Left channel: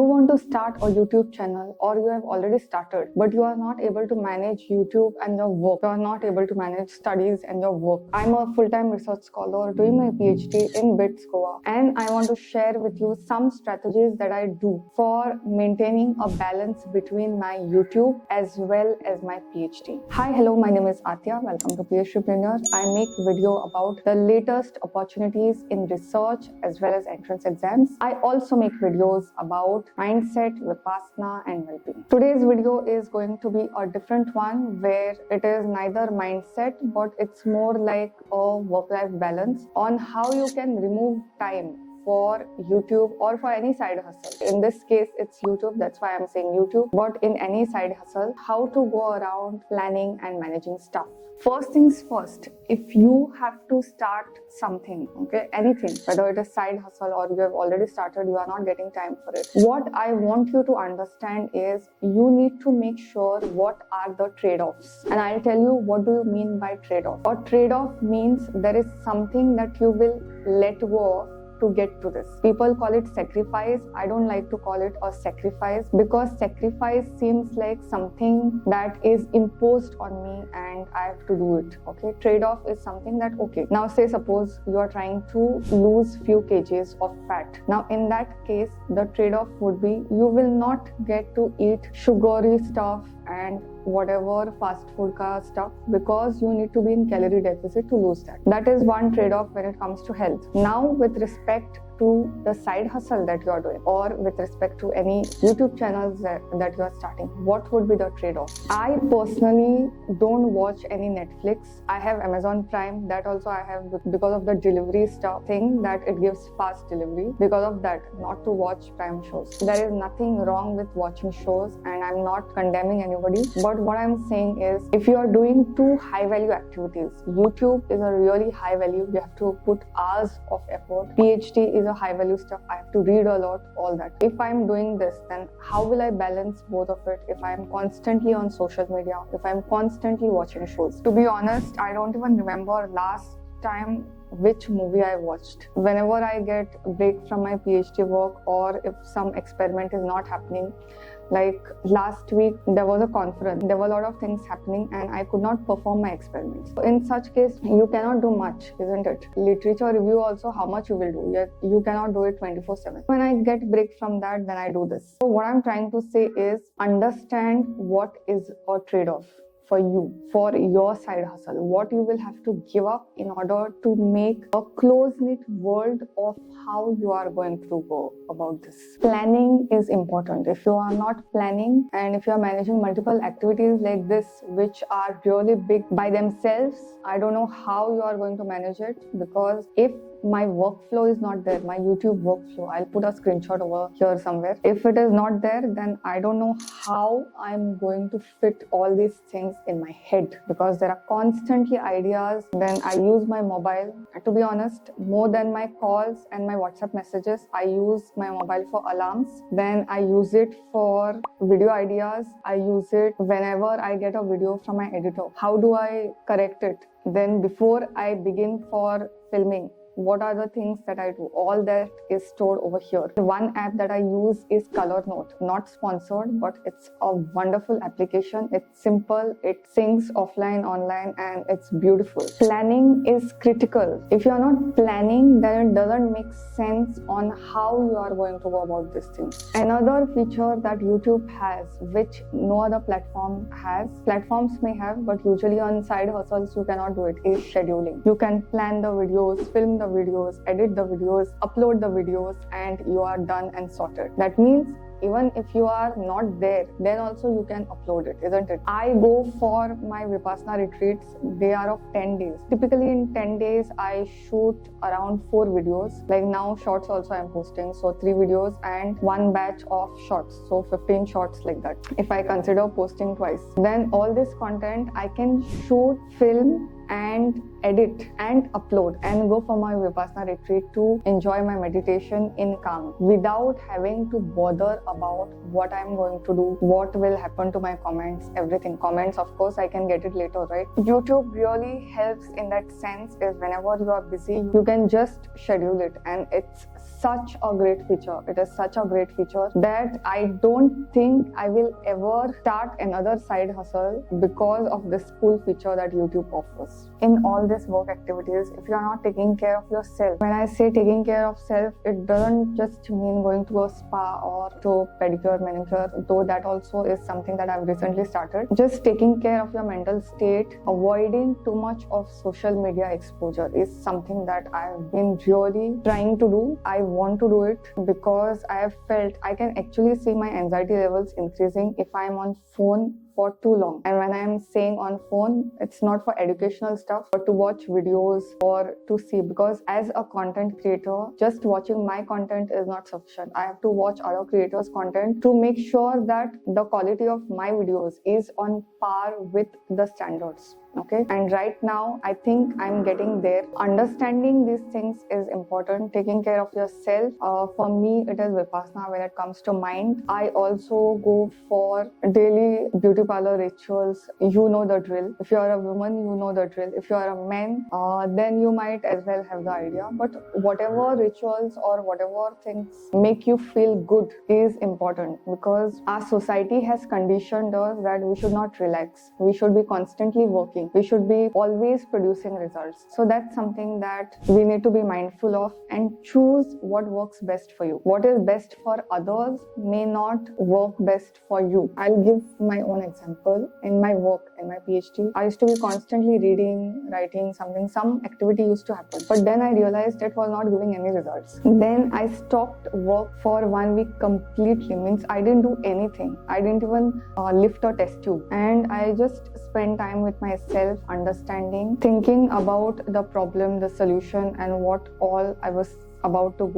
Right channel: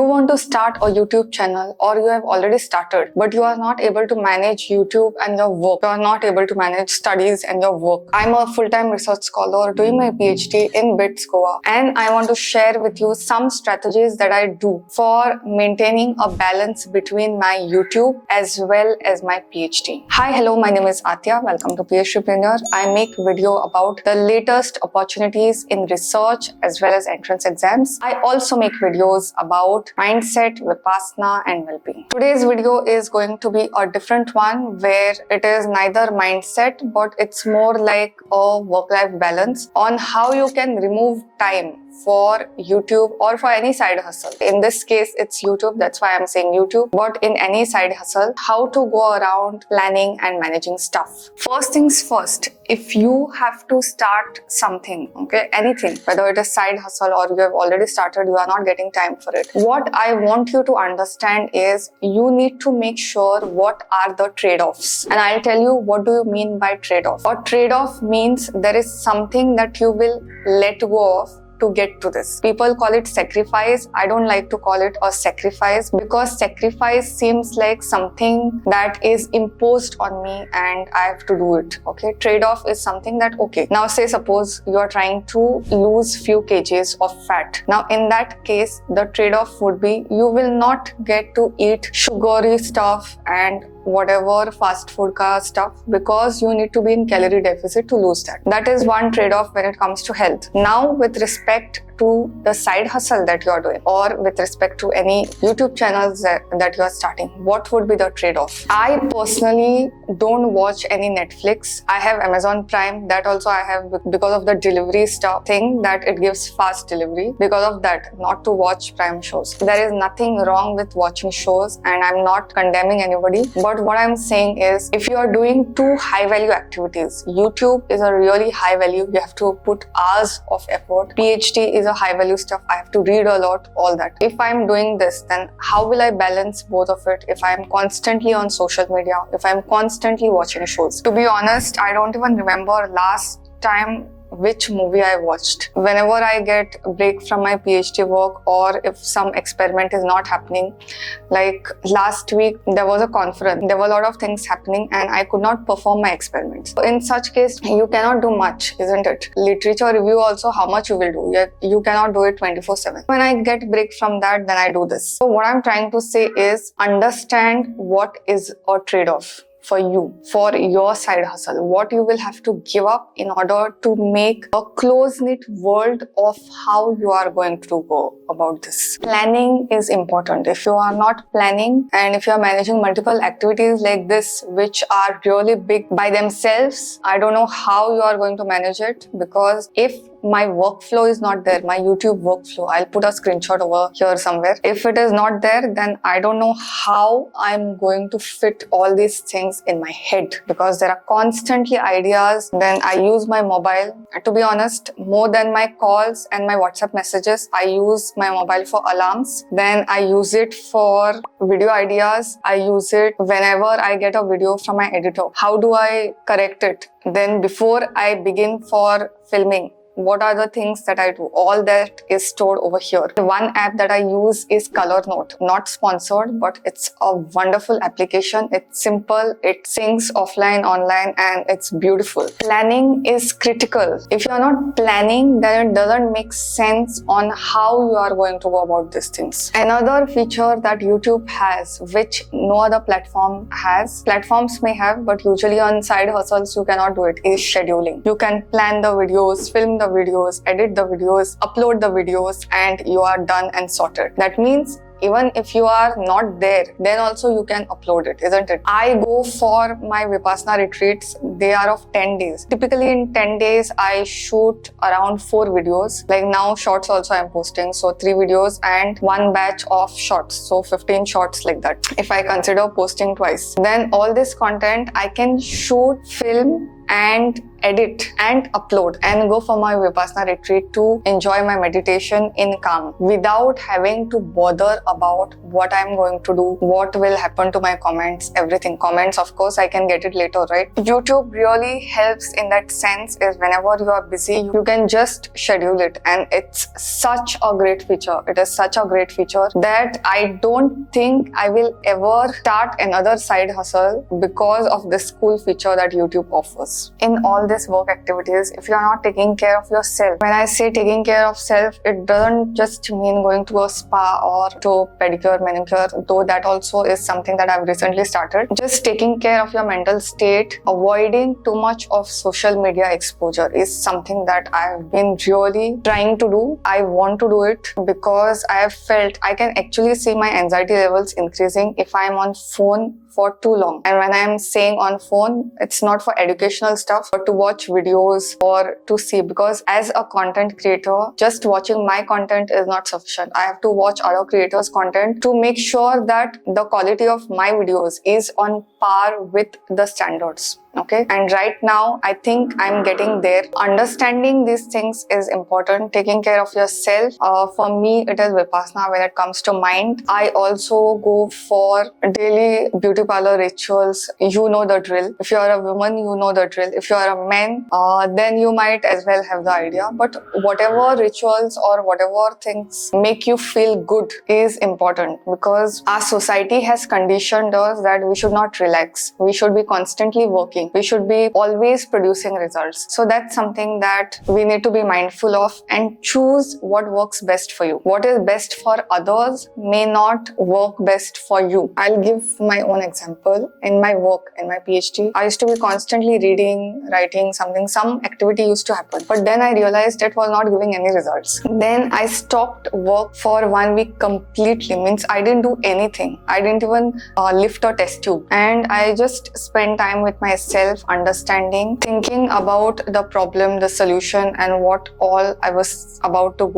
You want to start a YouTube channel, or you have already started, but you are not able to manage YouTube and your work. You are not able to manage studies and your work. I'm a full-time research scholar doing my PhD in BITS Goa, and I want to share with you some strategies that I do for maintaining a balance between my YouTube as well as my PhD. Hi, hello, my name is Aatiya. Welcome to PhDpreneur. I make video about the latest opportunities in research as well as entrance exams. I also make videos about mindset, Vipassana and well-being. Today's video is going to be a different one where it is neither mindset but it's more like a work-life balance on how you can remove time for YouTube or for any side hustle. In this case, it's YouTube. That's why I'm saying YouTube. But in any side hustle, how to go around planning and managing stuff. First things first, if you have to start something, okay, anything, whether it is side hustle or you have already started, you are not getting time for it. What I want you to understand is you need to make sure what are the trade-offs. And I'll tell you what do you mean by trade-off. A trade-off means there is something that you will let go of to get to this. People call it sacrifice. I don't like to call it a sacrifice because sacrifice seems like something that is imposed on me and I have to do it. Okay, trade-off is something that, okay, now say suppose you are trying to lose few kgs of fat. Now in that case, the trade-off would be you will not get to eat sugary stuff and whatever fast food ka stuff because you need to be in calorie deficit to lose that. That is one trade-off when it comes to health. Now with respect to the side hustle that you are doing or with respect to any YouTube channels that you are starting, what would be the trade-off? I personally don't watch any Netflix. I have Amazon Prime. That also I have because of the delivery stuff thing that it gives fast delivery. Because of that, not to watch Prime shows. There is nothing wrong with watching shows and I'm not condemning anybody. But what I'm saying is if you are doing two high value activities, YouTube is a really high value. You have to put hours of effort. PhD is a high value stuff. I have to read a lot, all that. If I'm doing this, then how will I balance both of it if I'm constantly on social media, if I'm constantly watching shows? To be honest, I don't even remember last time which movie I watched. Whenever I get a break from my PhD work or if some experiment is not happening, like last week there was a conference, there were a lot of things happening and I could not perform my experiments. So in such case, you cannot do much, isn't it? Literature review also, how much you will do? You cannot do it 24/7. When I get break from that, then I do this. So what I'm trying to say is understand what is a trade-off for you, for your side hustle, what you will have to give up in order to make a close-knit world of how you are going to go about this. Planning is important. If you are not planning and if you are managing multiple activities like this, which are really big by themselves, I don't know how you are going to manage it because if my workflow is not there, my YouTube workflow, I'll put a screenshot over here somewhere. If it is not there, then I don't know how I'm going to fit all these things in my head because there are constantly ideas. Then I use my mobile. To be honest, more than my calls and my WhatsApp messages, I use my mobile for alarms. Then I use it for video ideas. I use it whenever I get a video from my editor. How do I correct it? Then before I begin for filming, what are the things that I do? All that is stored over here. The one app that I use is Color Note. Not sponsored, but it's a wonderful application. It's simple, it syncs offline, online, and it's beautiful. Planning is critical. If you are not planning, then it doesn't make sense on how you are going to go about these things. Another feature that YouTube has, which no other platform has, platforms may have, but usually on side hustles you cannot do it, is scheduling. You can plan the videos, film the videos, edit the videos, upload the videos, and you are done and sorted. That means even if you are not there, then also you can upload it, isn't it? I go for my Vipassana retreats. They are of 10 days. Typically in 10 days, I shoot around 4 videos. Like now shorts also I'm posting. So 3 videos and 1 batch of shorts. So 15 shorts like that. If I consider posting twice, then all this content I can shoot, film, and edit and upload and go for my Vipassana retreat to enjoy my meditation in calm without having to bother about what I'm going to do, what will happen to my comments, everything. Comments, of course, I can get it later, right? YouTube really helps in that sense is whenever you are busy, you can just schedule it, and it's such a great feature. It is such a great feature that I don't think I will ever start another side hustle because of this cool feature that YouTube offers. In all these work activities, if you are not taking care of yourself, when I say taking care of self, it doesn't just mean going to a spa or to pedicure, manicure, though that also is something that I've recently started. Just taking care of your mental state, avoiding too much of social media exposure is something that I've been really trying to do. I want to do it because I have felt I can actually see my anxiety levels increasing if I'm on phone for too long. And when I'm saying on phone, it's not for educational stuff, but to watch videos or to see, because as a content creator, just watching my content is not sufficient. I have to watch other creators' content to make sure that the quality of my videos is on par with the standards. Okay, and right now I think I'm getting there. Understanding these things is important. Taking care of yourself, for me it is Vipassana when it comes to mind. I also go for daily beauty parlor rituals. You know the drill. If you are a woman, you know the drill. If you are a man, then you might as well have the idea. But whatever rituals or whatever things make you feel good is important, because our society has conditioned us that we should not relax. We should be constantly working. We should be always producing results. So that's something that we need to be mindful of and choose what works best for you. What is best for others may not work best for you. I'll give my own example. In my work, in my PhD, I used to be constantly reading, writing something, some activity used to happen. But then I realized it was not giving any results. Then I stopped work for 1 week completely. Means I didn't do anything. I didn't even lift a test tube. And I just spent time with myself, understanding, thinking about the problem, the solution, and what all I was about to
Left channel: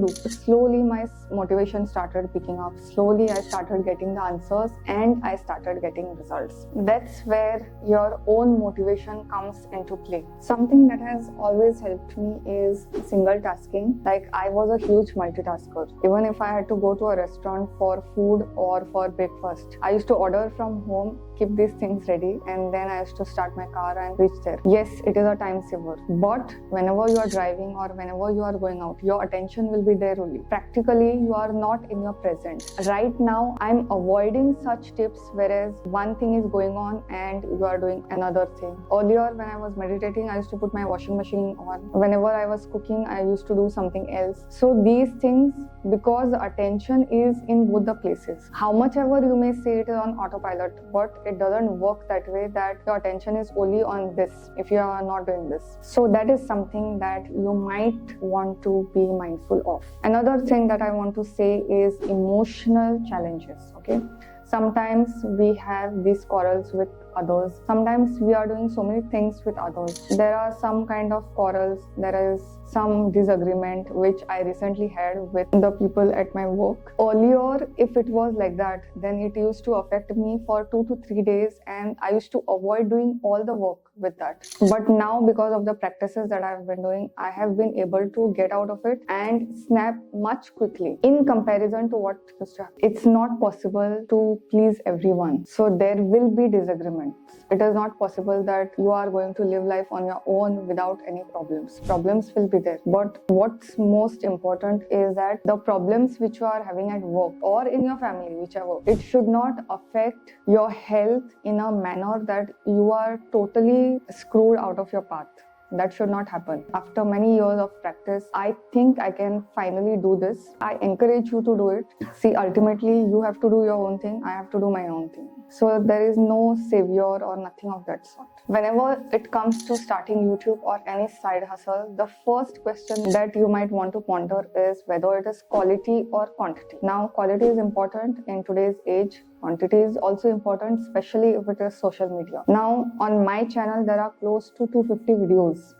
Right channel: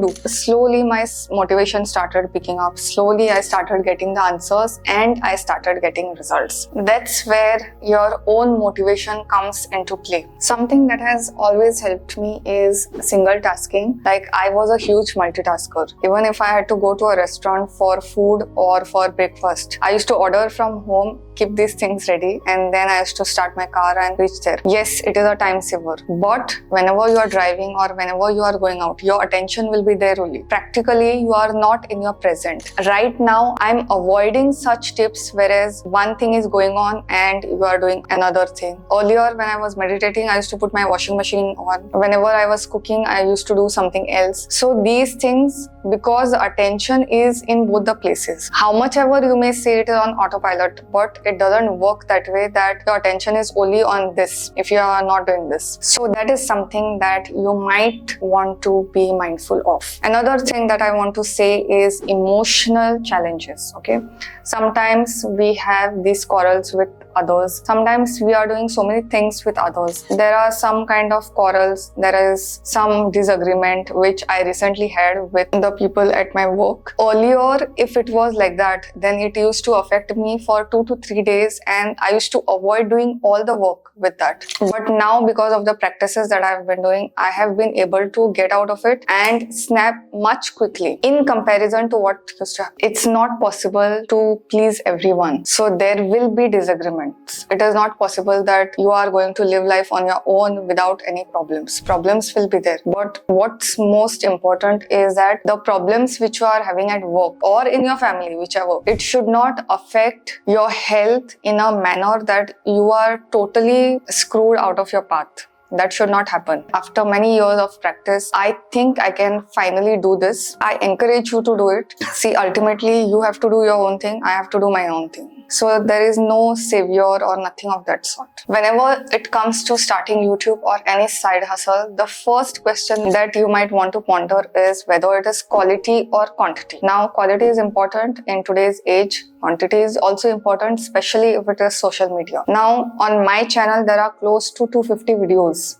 do. Slowly my motivation started picking up. Slowly I started getting the answers and I started getting results. That's where your own motivation comes into play. Something that has always helped me is single tasking. Like, I was a huge multitasker. Even if I had to go to a restaurant for food or for breakfast, I used to order from home, keep these things ready, and then I used to start my car and reach there. Yes, it is a time saver, but whenever you are driving or whenever you are going out, your attention will be there only. Practically, you are not in your present. Right now, I'm avoiding such tips, whereas one thing is going on and you are doing another thing. Earlier, when I was meditating, I used to put my washing machine on. Whenever I was cooking, I used to do something else. So these things, because attention is in both the places. How much ever you may say it is on autopilot, but it doesn't work that way, that your attention is only on this if you are not doing this. So that is something that you might want to be mindful of. Another thing that I want to say is emotional challenges. Okay, sometimes we have these quarrels with others. Sometimes we are doing so many things with others. There are some kind of quarrels. There is some disagreement which I recently had with the people at my work. Earlier, if it was like that, then it used to affect me for 2 to 3 days and I used to avoid doing all the work with that. But now, because of the practices that I've been doing, I have been able to get out of it and snap much quickly in comparison to what used to happen. It's not possible to please everyone. So there will be disagreements. It is not possible that you are going to live life on your own without any problems. Problems will be there. But what's most important is that the problems which you are having at work or in your family, whichever, it should not affect your health in a manner that you are totally screwed out of your path. That should not happen. After many years of practice, I think I can finally do this. I encourage you to do it. See, ultimately, you have to do your own thing. I have to do my own thing. So there is no savior or nothing of that sort. Whenever it comes to starting YouTube or any side hustle, the first question that you might want to ponder is whether it is quality or quantity. Now, quality is important in today's age. Quantity is also important, especially if it is social media. Now, on my channel, there are close to 250 videos.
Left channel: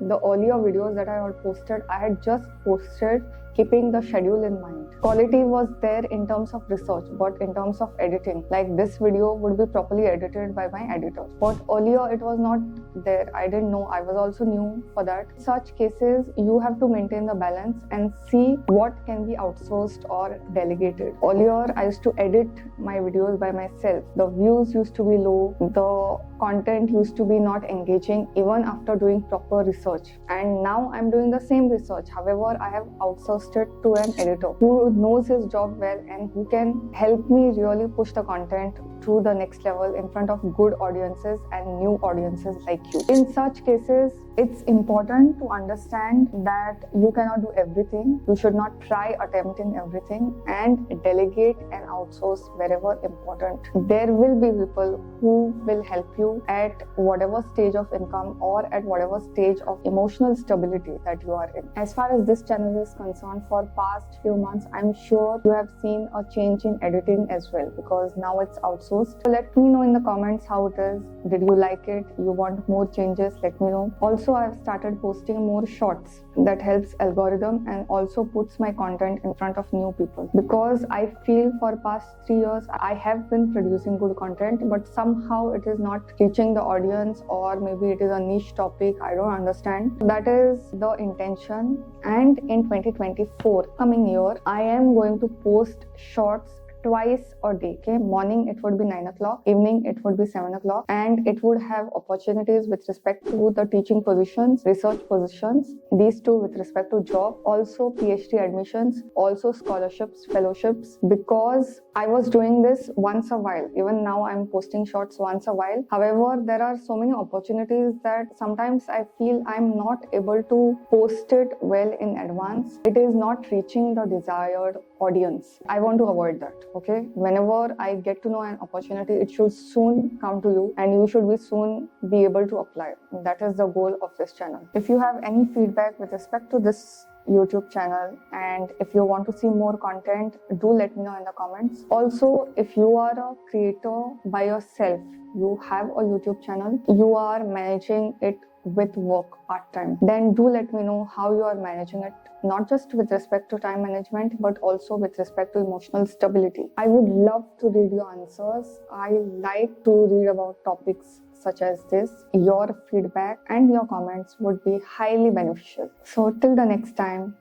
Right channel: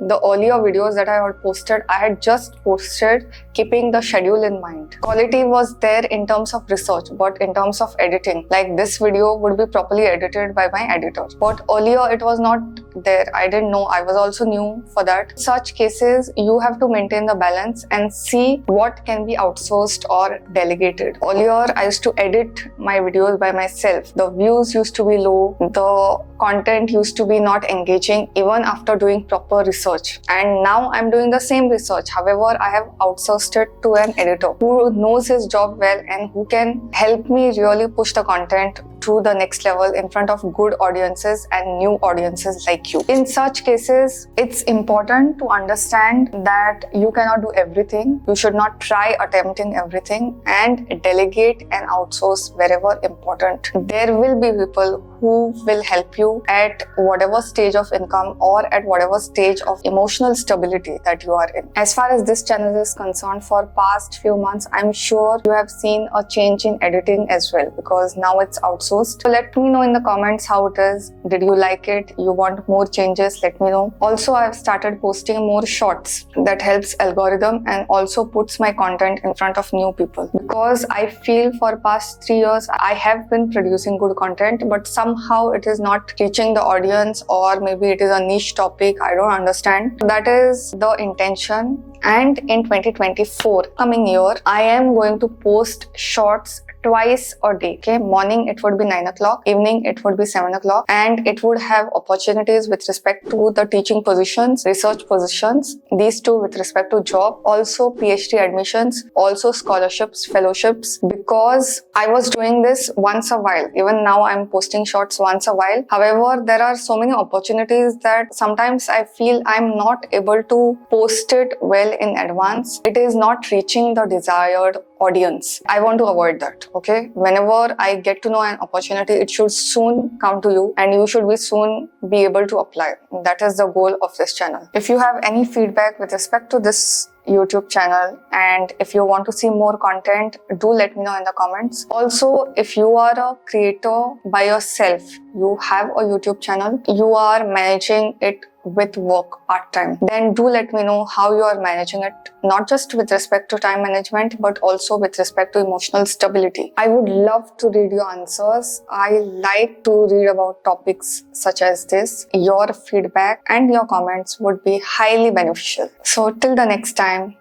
The earlier videos that I had posted, I had just posted keeping the schedule in mind. Quality was there in terms of research, but in terms of editing, like this video would be properly edited by my editor. But earlier it was not there. I didn't know. I was also new for that. In such cases, you have to maintain the balance and see what can be outsourced or delegated. Earlier, I used to edit my videos by myself. The views used to be low. The content used to be not engaging even after doing proper research. And now I'm doing the same research. However, I have outsourced it to an editor who knows his job well and who can help me really push the content to the next level in front of good audiences and new audiences like you. In such cases, it's important to understand that you cannot do everything. You should not try attempting everything, and delegate and outsource wherever important. There will be people who will help you at whatever stage of income or at whatever stage of emotional stability that you are in. As far as this channel is concerned, for past few months, I'm sure you have seen a change in editing as well, because now it's outsourced. So let me know in the comments how it is. Did you like it? You want more changes? Let me know. Also, I've started posting more shorts that helps algorithm and also puts my content in front of new people, because I feel for past 3 years I have been producing good content, but somehow it is not reaching the audience, or maybe it is a niche topic. I don't understand. That is the intention. And in 2024, coming year, I am going to post shorts twice a day. Okay, morning it would be 9 o'clock, evening it would be 7 o'clock, and it would have opportunities with respect to the teaching positions, research positions, these two with respect to job, also PhD admissions, also scholarships, fellowships, because I was doing this once a while. Even now I'm posting shorts once a while. However, there are so many opportunities that sometimes I feel I'm not able to post it well in advance. It is not reaching the desired audience. I want to avoid that. Okay, whenever I get to know an opportunity, it should soon come to you and you should be soon be able to apply. That is the goal of this channel. If you have any feedback with respect to this YouTube channel, and if you want to see more content, do let me know in the comments. Also, if you are a creator by yourself, you have a YouTube channel, you are managing it with work part-time, then do let me know how you are managing it, not just with respect to time management, but also with respect to emotional stability. I would love to read your answers. I like to read about topics such as this. Your feedback and your comments would be highly beneficial. So till the next time,